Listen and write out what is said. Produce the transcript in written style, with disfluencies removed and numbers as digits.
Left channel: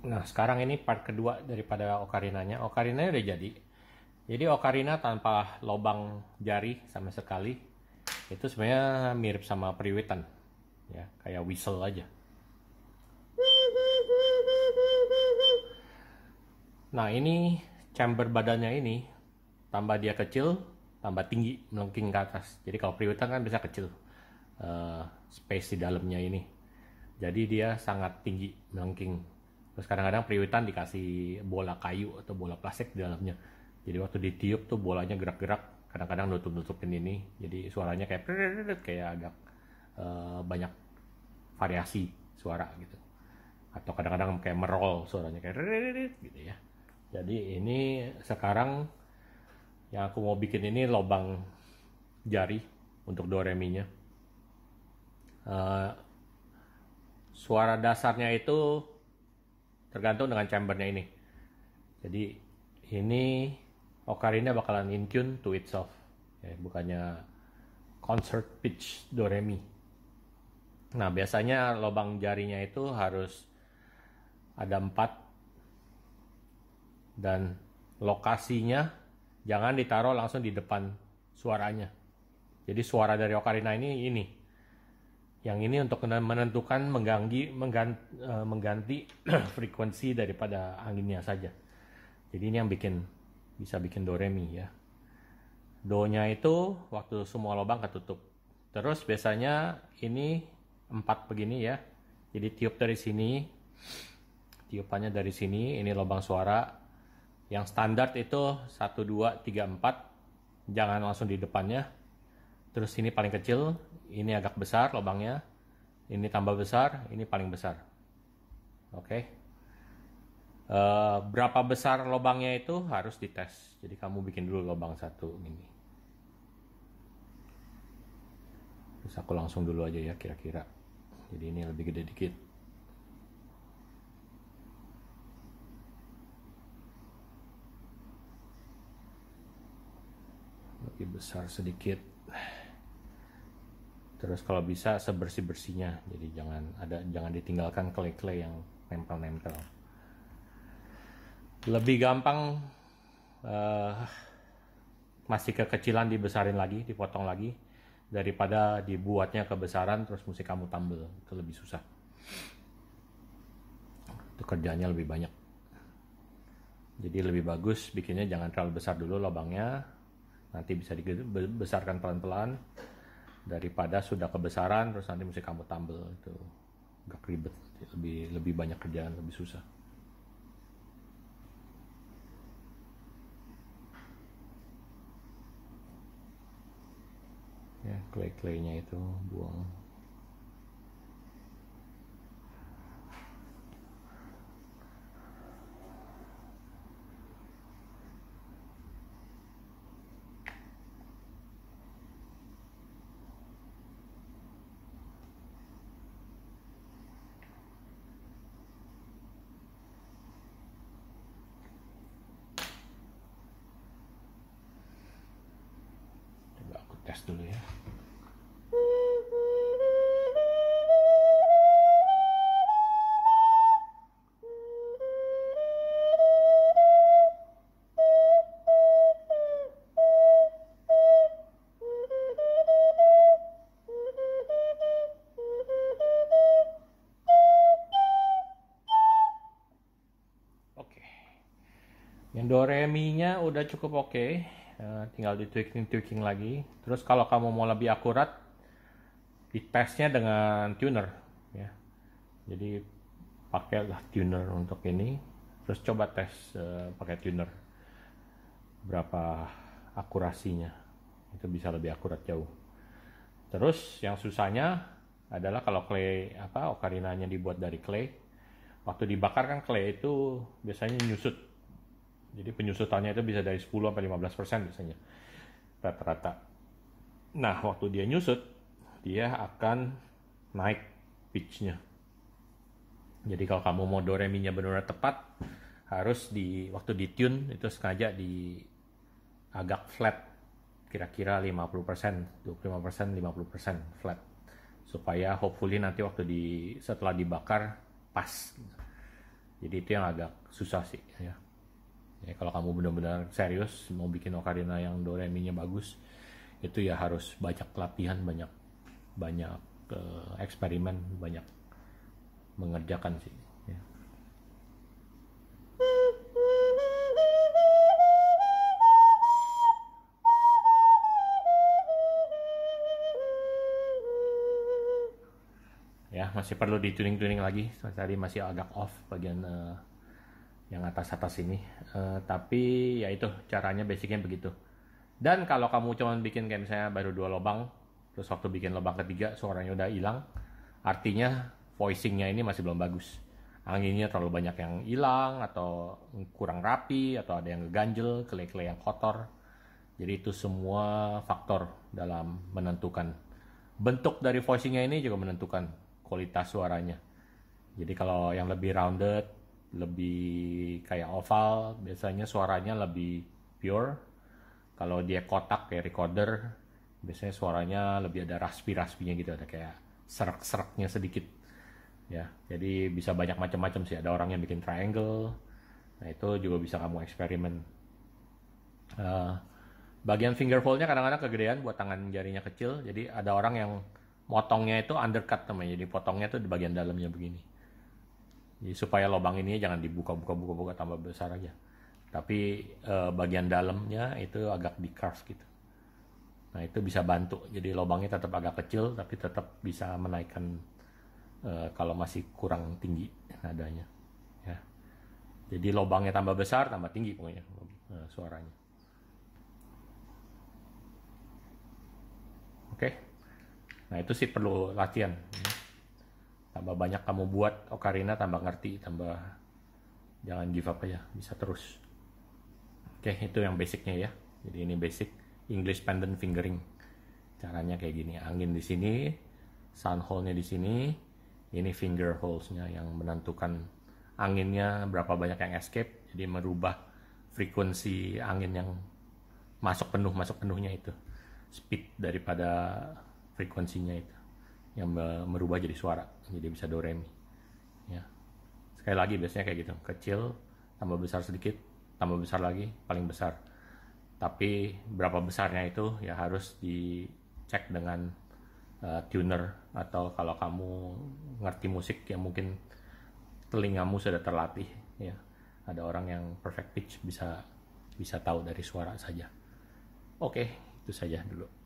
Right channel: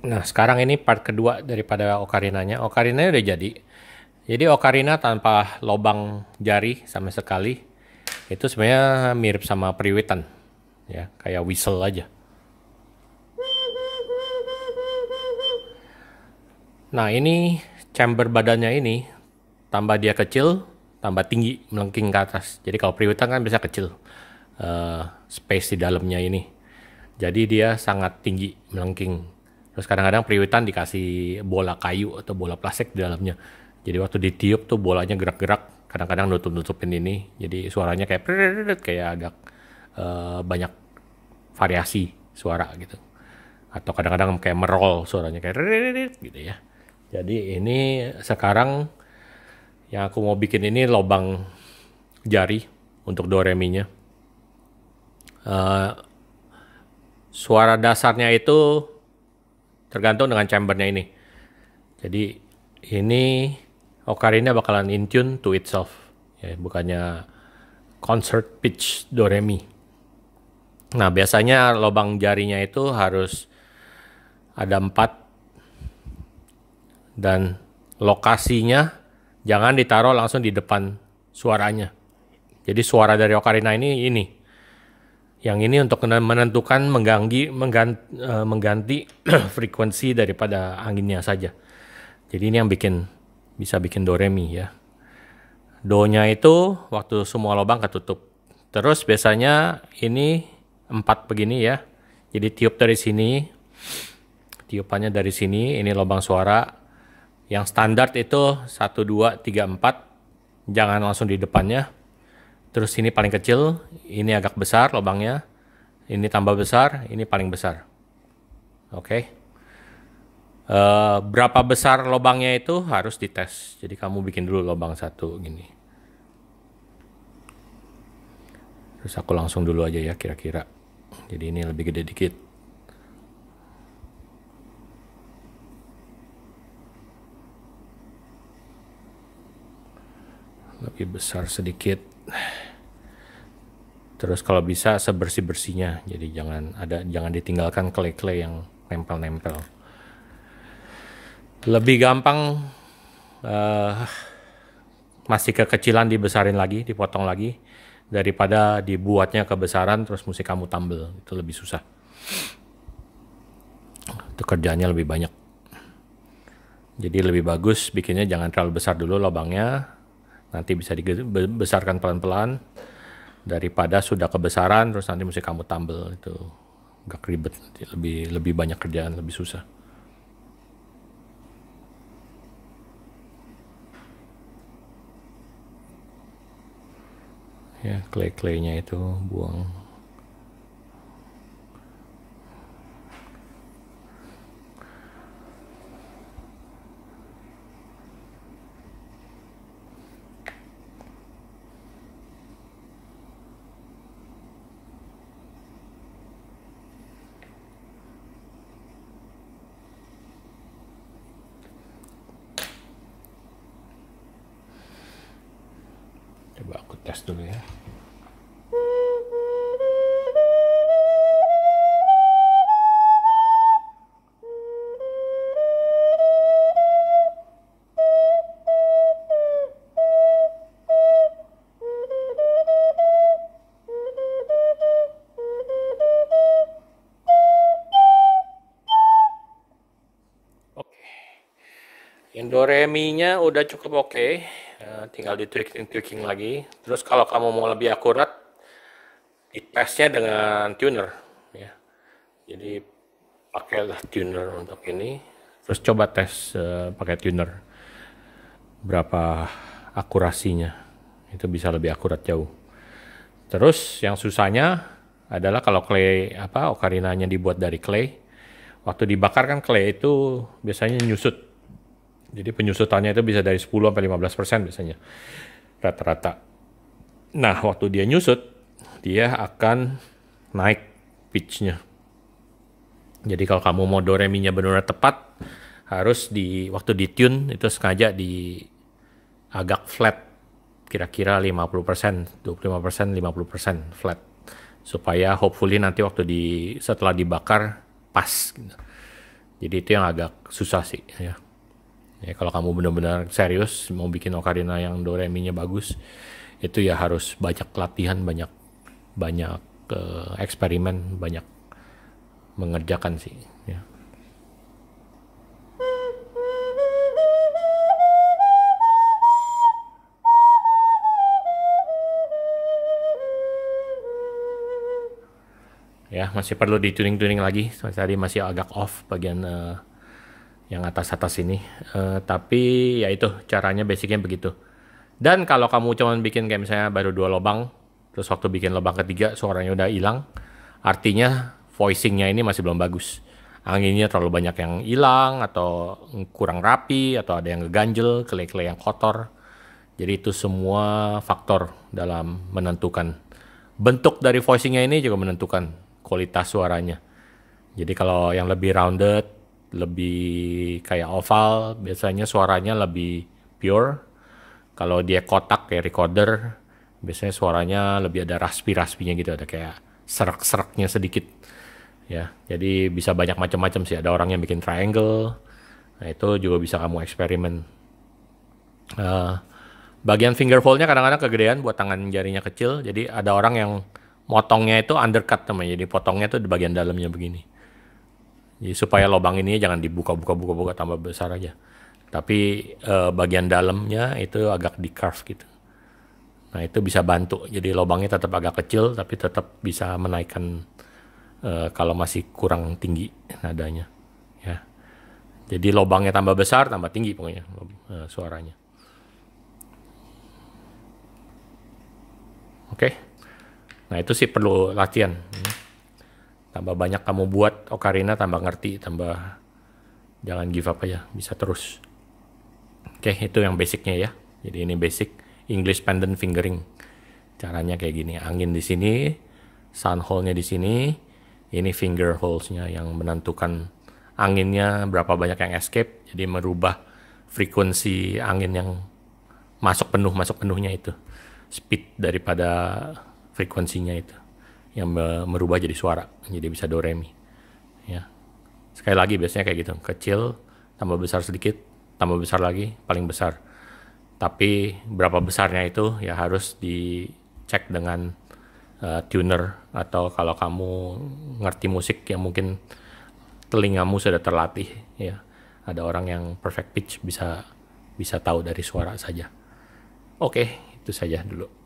Nah, sekarang ini part kedua daripada okarinanya. Okarinanya udah jadi. Jadi okarina tanpa lobang jari sama sekali. Itu sebenarnya mirip sama periwitan. Ya, kayak whistle aja. Nah, ini chamber badannya ini tambah dia kecil, tambah tinggi melengking ke atas. Jadi kalau periwitan kan bisa kecil. Space di dalamnya ini. Jadi dia sangat tinggi melengking. Terus kadang-kadang periwitan dikasih bola kayu atau bola plastik di dalamnya. Jadi waktu ditiup tuh bolanya gerak-gerak, kadang-kadang nutup-nutupin ini. Jadi suaranya kayak kayak agak banyak variasi suara gitu. Atau kadang-kadang kayak merol suaranya kayak gitu ya. Jadi ini sekarang yang aku mau bikin ini lobang jari untuk do re mi nya. Suara dasarnya itu tergantung dengan chambernya ini. Jadi ini ocarina bakalan in tune to itself, ya, bukannya concert pitch do re mi. Nah biasanya lubang jarinya itu harus ada 4 dan lokasinya jangan ditaruh langsung di depan suaranya. Jadi suara dari ocarina ini. Yang ini untuk menentukan mengganti frekuensi daripada anginnya saja. Jadi ini yang bisa bikin do re mi ya. Do-nya itu waktu semua lubang ketutup. Terus biasanya ini 4 begini ya. Jadi tiup dari sini, tiupannya dari sini, ini lubang suara. Yang standar itu 1, 2, 3, 4. Jangan langsung di depannya. Terus ini paling kecil, ini agak besar lubangnya. Ini tambah besar, ini paling besar. Oke. Berapa besar lubangnya itu harus dites. Jadi kamu bikin dulu lubang 1 gini. Terus aku langsung dulu aja ya kira-kira. Jadi ini lebih gede dikit. Lebih besar sedikit. Terus kalau bisa sebersih-bersihnya. Jadi jangan ditinggalkan clay-clay yang nempel-nempel. Lebih gampang masih kekecilan dibesarin lagi, dipotong lagi daripada dibuatnya kebesaran terus mesti kamu tambel. Itu lebih susah. Itu kerjaannya lebih banyak. Jadi lebih bagus bikinnya jangan terlalu besar dulu lubangnya. Nanti bisa dibesarkan pelan-pelan daripada sudah kebesaran terus nanti mesti kamu tambel. Itu agak ribet, lebih banyak kerjaan, lebih susah. Ya, clay-claynya itu buang. Coba aku tes dulu ya. Oke. Yang do re mi-nya udah cukup oke. Tinggal di tweaking lagi. Terus kalau kamu mau lebih akurat, ditesnya dengan tuner ya. Jadi pakailah tuner untuk ini. Terus coba tes pakai tuner berapa akurasinya. Itu bisa lebih akurat jauh. Terus yang susahnya adalah kalau clay okarinanya dibuat dari clay. Waktu dibakar kan clay itu biasanya nyusut. Jadi penyusutannya itu bisa dari 10 sampai 15% biasanya rata-rata. Nah, waktu dia nyusut, dia akan naik pitch-nya. Jadi kalau kamu mau do re mi-nya benar-benar tepat, harus waktu di tune itu sengaja di agak flat, kira-kira 50%, 25%, 50% flat. Supaya hopefully nanti waktu setelah dibakar pas gitu. Jadi itu yang agak susah sih ya. Ya kalau kamu benar-benar serius mau bikin ocarina yang do re mi-nya bagus, itu ya harus banyak latihan, banyak banyak eksperimen, banyak mengerjakan sih ya. Ya masih perlu di tuning lagi. Tadi masih agak off bagian yang atas ini. Tapi ya itu caranya basicnya begitu. Dan kalau kamu cuman bikin kayak misalnya baru 2 lubang, terus waktu bikin lubang ketiga suaranya udah hilang, artinya voicingnya ini masih belum bagus. Anginnya terlalu banyak yang hilang, atau kurang rapi, atau ada yang ngeganjel, kelai-kelai yang kotor. Jadi itu semua faktor dalam menentukan. Bentuk dari voicingnya ini juga menentukan kualitas suaranya. Jadi kalau yang lebih rounded, lebih kayak oval, biasanya suaranya lebih pure. Kalau dia kotak kayak recorder, biasanya suaranya lebih ada raspi-raspinya gitu, ada kayak serak-seraknya sedikit. Ya, jadi bisa banyak macam-macam sih. Ada orang yang bikin triangle, nah itu juga bisa kamu eksperimen. Eh, Bagian finger fold-nya kadang-kadang kegedean buat tangan jarinya kecil, jadi ada orang yang motongnya itu undercut namanya, jadi potongnya tuh di bagian dalamnya begini. Jadi supaya lubang ini jangan dibuka tambah besar aja. Tapi bagian dalamnya itu agak di curve gitu. Nah itu bisa bantu. Jadi lubangnya tetap agak kecil tapi tetap bisa menaikkan kalau masih kurang tinggi nadanya. Ya. Jadi lubangnya tambah besar tambah tinggi pokoknya suaranya. Oke. Nah itu sih perlu latihan. Tambah banyak kamu buat ocarina, tambah ngerti, tambah jangan give up aja, bisa terus. Oke, itu yang basicnya ya. Jadi ini basic English pendant fingering. Caranya kayak gini, angin di sini, sound hole-nya di sini, ini finger holes-nya yang menentukan anginnya berapa banyak yang escape, jadi merubah frekuensi angin yang masuk penuhnya itu, speed daripada frekuensinya itu yang merubah jadi suara, jadi bisa do re mi. Ya. Sekali lagi biasanya kayak gitu, kecil tambah besar sedikit, tambah besar lagi, paling besar. Tapi berapa besarnya itu ya harus dicek dengan tuner, atau kalau kamu ngerti musik yang mungkin telingamu sudah terlatih ya. Ada orang yang perfect pitch bisa tahu dari suara saja. Oke, itu saja dulu.